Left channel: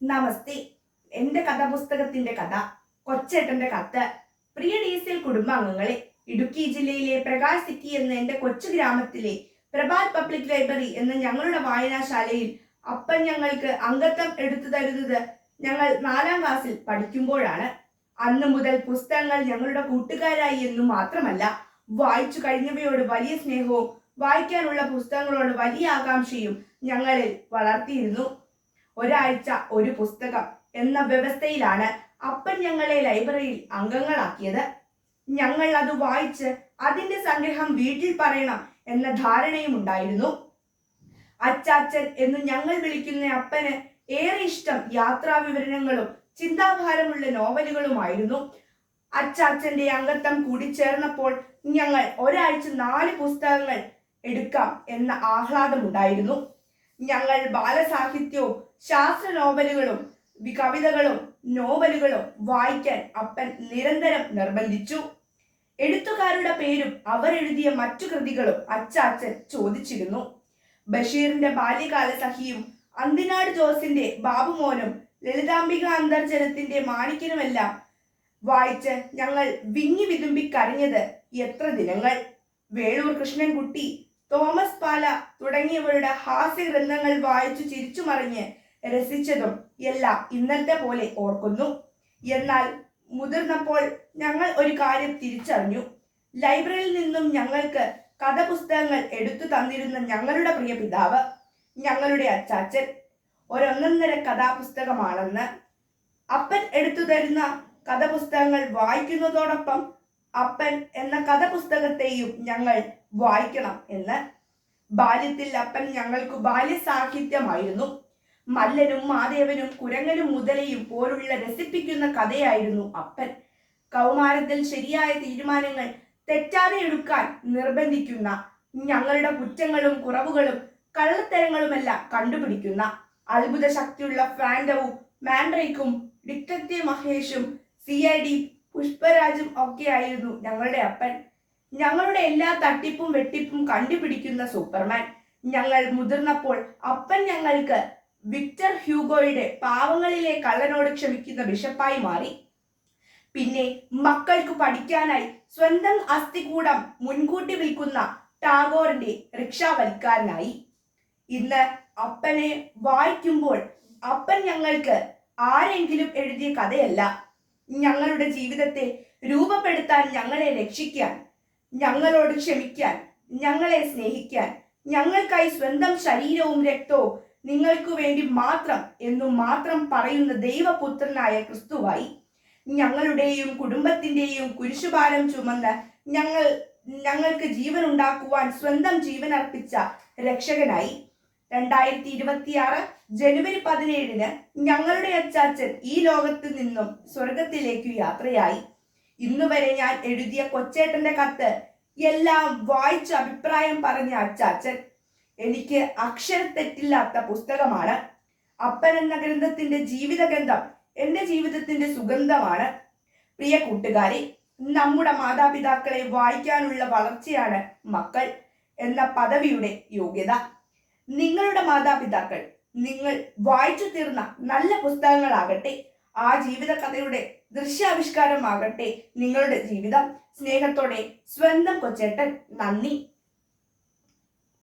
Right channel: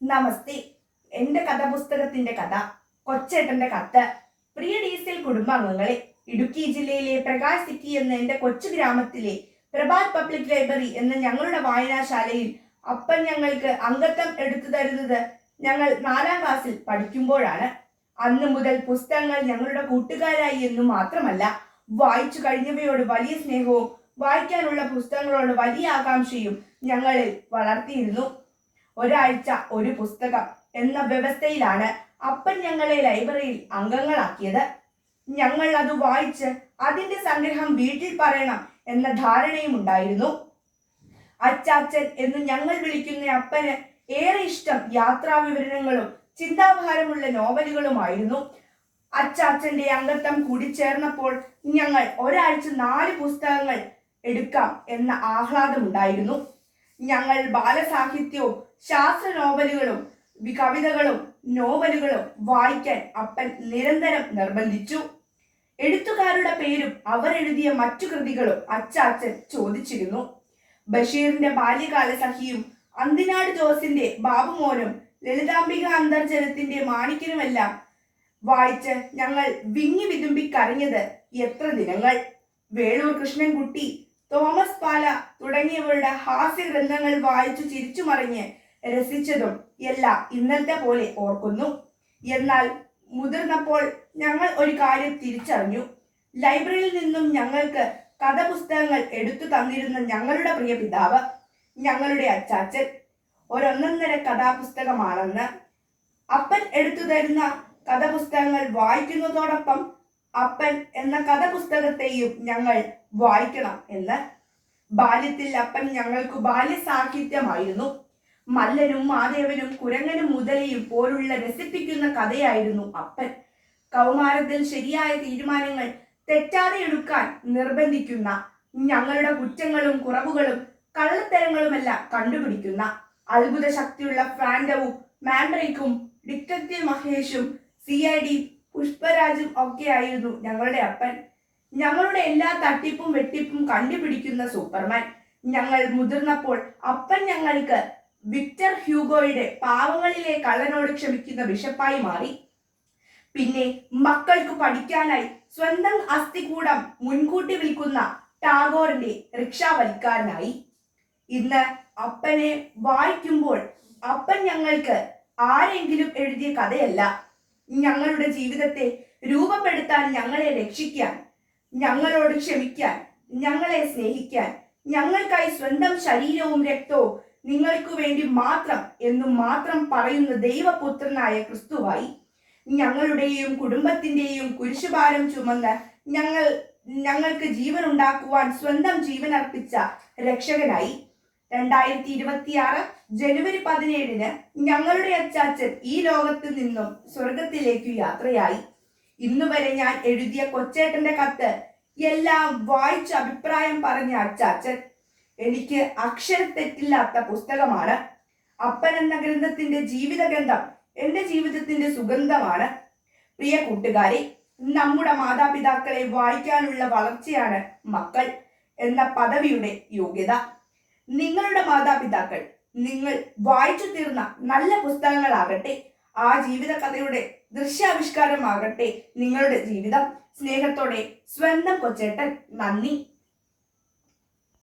നമസ്തേ. എന്റെ കഥാപുസ്തകത്തിന്റെ കഥ കൊച്ചേട്ടന്റെ കത്ത്. പ്രിയ ഡീസൽ കുടുംബാംഗങ്ങളെ, ഇടുക്കി ജില്ലയിലെ പ്രകാശ് സിറ്റി എന്ന എന്റെ കൊച്ചു ഗ്രാമത്തിലെ പ്രഭാത് പബ്ലിക് ലൈബ്രറി എന്ന ഞങ്ങളുടെ വായനാശാലയിൽ അപ്പൻ ഞങ്ങൾക്ക് അംഗത്വം എടുത്തു തരുന്നത് ഞങ്ങൾ 4ാം ക്ലാസ്സിൽ പഠിക്കുമ്പോഴാണ്. അന്നു മുതൽ പുസ്തകങ്ങൾ ഞങ്ങളുടെ കൂട്ടുകാരായി എന്നു മാത്രമല്ല, വായിച്ചു കഴിഞ്ഞവയോട് വലിയ സ്നേഹവും വായിക്കാനുള്ള പുസ്തകങ്ങളോട് വലിയ ആകാംക്ഷയും ഞങ്ങളിൽ വളർത്തിയിരുന്നു. ഒരാഴ്ച ഒരു പുസ്തകം എന്ന വ്യവസ്ഥയിലാണ് അപ്പൻ ഞങ്ങളെ ലൈബ്രറിയിൽ അംഗങ്ങളാക്കിയത്. ഞങ്ങൾ അത് വായിച്ച് അതിന്റെ സംഗ്രഹം വീട്ടിൽ പറയണം എന്ന ധാരണയും ഉണ്ടായിരുന്നു. അച്ചാച്ചൻ എന്ന് ഞങ്ങൾ വിളിക്കുന്ന അപ്പന് ഏറെ ഇഷ്ടം യാത്രാ വിവരണങ്ങളും ചിന്താഭാരമുള്ള നോവലുകളുമായിരുന്നു. അച്ചാച്ചന്റെ അംഗത്വം കൂടി ചേർന്നപ്പോൾ ഞങ്ങൾ ഒരാഴ്ച 4 പുസ്തകങ്ങൾ എടുക്കാം എന്ന ആഹ്ലാദമുണ്ടായിരുന്നു. ഞങ്ങൾ ബാലസാഹിത്യവും ശാസ്ത്ര നോവലുകളും കവിതകളും നോവലുകളും വായിക്കാൻ അപ്പൻ നിരന്തരം നിർബന്ധിച്ചു. എഴുത്തുകാരുടെ പേരും അവരെഴുതിയ മറ്റു കൃതികളും അച്ചാച്ചൻ ചോദിച്ചിരുന്നു. ബഷീറിന്റെ ബാല്യകാല സഖിയും അന്തിനാട് ജോസിന്റെ ബാബുമോനും ലളിതാംബിക അന്തർജനത്തിന്റെ മാണിക്യനുമെല്ലാം വായിച്ച് ഞങ്ങൾ വിങ്ങി വിതുമ്പി കരഞ്ഞത് എത്ര ദിനങ്ങൾ. വേളൂർ കൃഷ്ണൻകുട്ടി, തോമസ് പാല തുടങ്ങിയവരുടെ ഹാസ്യഗ്രന്ഥങ്ങൾ വായിച്ചു ചിരിച്ചു മറിഞ്ഞ് രസിച്ചതും എല്ലാം ഇന്നത്തെ പോലെ ഓർക്കുന്നു. എന്നാൽ മുതിർന്നപ്പോൾ ഞങ്ങൾ ഒരു കാര്യം തിരിച്ചറിഞ്ഞു. ലൈബ്രറിയിൽ നിന്നും ഞങ്ങൾക്ക് കഥപുസ്തകങ്ങൾ എടുത്തു തന്നിരുന്ന ഞങ്ങളുടെ പ്രിയ പിതാവ്, ഞങ്ങളുടെ അച്ചാച്ചൻ, ഒരൊന്നൊന്നര കഥാപുസ്തകമാണെന്ന്. അപ്പൻ എടുത്തു തരുന്ന കഥപുസ്തകങ്ങൾ വായിക്കുന്നതോടൊപ്പം അപ്പൻ എന്ന കഥപുസ്തകത്തെയും ഞങ്ങൾ വായിക്കണം എന്ന്. ബാല്യത്തിൽ അപ്പൻ ഞങ്ങൾക്ക് ബാല്യസാഹിത്യമായിരുന്നു. മല്ലനും മാദേവനും കുരങ്ങനും മുതലയും പോലുള്ള രസിപ്പിക്കുന്ന കഥയായിരുന്നു അപ്പൻ. കൗമാരത്തിൽ ശരിയായ തീരുമാനങ്ങൾ തെറ്റാതെ എടുക്കാൻ നിർബന്ധിക്കുന്ന, ഞങ്ങളുടെ കുറ്റങ്ങളും കുറവുകളും കള്ളത്തരങ്ങളുമെല്ലാം കണ്ടുപിടിക്കുന്ന, അത്ഭുത ശക്തിയുള്ള ഫാൻഡവും മാൻഡ്രേക്കും ഡിറ്റക്റ്റീവ് മഹേഷും CID പുഷ്പരാജും ഒക്കെയായിരുന്നു ഞങ്ങളുടെ അപ്പൻ. ഞങ്ങളുടെ എല്ലാ തട്ടിപ്പും വെട്ടിപ്പും കണ്ടുപിടിക്കുന്ന സൂപ്പർമാൻ. ഞങ്ങൾ മുതിർന്നപ്പോൾ അപ്പൻ ഞങ്ങൾക്ക് വിക്ടർ ഹ്യൂഗോയുടെ പാവങ്ങളിലെ കള്ളനോട് ക്ഷമിക്കുന്ന ബിഷപ്പായി മാറി. പിന്നെ മക്കൾക്ക് പഠിക്കാനായി സ്വന്തം അസ്ഥികൂടം മുൻകൂട്ടി വിൽക്കുന്ന ടാഗോറിന്റെ റിക്ഷാവൽക്കാരനായി. ഇന്ന് അപ്പനെ വായിക്കുമ്പോൾ അപ്പൻ ഞങ്ങൾക്ക് ആരെങ്കിലും എഴുതിയ കഥയല്ല, ഞങ്ങളുടെ ജീവിതത്തെ രൂപപ്പെടുത്താൻ, ഞങ്ങളെ രക്ഷിക്കാൻ, ഞങ്ങളോട് ക്ഷമിക്കാൻ, ഞങ്ങളെ സ്നേഹിക്കാൻ, ഞങ്ങൾക്കായി സ്വന്തം ശരീരവും രക്തവും നിങ്ങൾക്ക് വേണ്ടി മാത്രം എന്നു മാത്രം പറയുന്ന ദൈവപുത്രനായ ക്രിസ്തുവായി. ഞങ്ങളുടെയും കുടുംബത്തിന്റെയും കുരിശുഭാരം ചുമന്ന് ഞങ്ങൾക്ക് ജീവൻ ഉണ്ടാക്കുവാൻ സ്വന്തം ജീവൻ അർപ്പിച്ച രക്ഷകനായി. 2026 ജനുവരി 17 ഞങ്ങളുടെ അച്ചാച്ചൻ ഈ ലോകത്ത് നിന്നും സ്വർഗത്തിലേക്ക് യാത്രയായി. ഇന്നുവരെ ഞാൻ എഴുതിയ കൊച്ചേട്ടന്റെ കത്ത് എല്ലാം വായിച്ച് അഭിപ്രായം പറഞ്ഞ അച്ചാച്ചൻ എനിക്ക് അക്ഷരത്തെറ്റില്ലാത്ത പുസ്തകമാണ്. അപ്പൻ എന്ന ഗ്രന്ഥത്തിന്റെ ജീവിതഗന്ധം എന്റെ ജീവിതത്തിന്റെ സുഗന്ധമാണ്. പ്രിയ കൂട്ടുകാരെ, നമ്മുടെ മാതാപിതാക്കളെ വായിക്കാനുള്ള വളർച്ചയാണ് മക്കൾ എന്ന പദവിയുടെ യോഗ്യത. നിങ്ങളുടെ മാതാപിതാക്കൾ നിങ്ങൾ വായിച്ചു തീർന്ന നല്ല പുസ്തകങ്ങളാകട്ടെ. ആ ജീവിത കഥയുടെ ദൃശ്യാവിഷ്കാരമാകട്ടെ നിങ്ങളുടെ ജീവിതം. സ്നേഹത്തോടെ സ്വന്തം കൊച്ചേട്ടൻ. നന്ദി.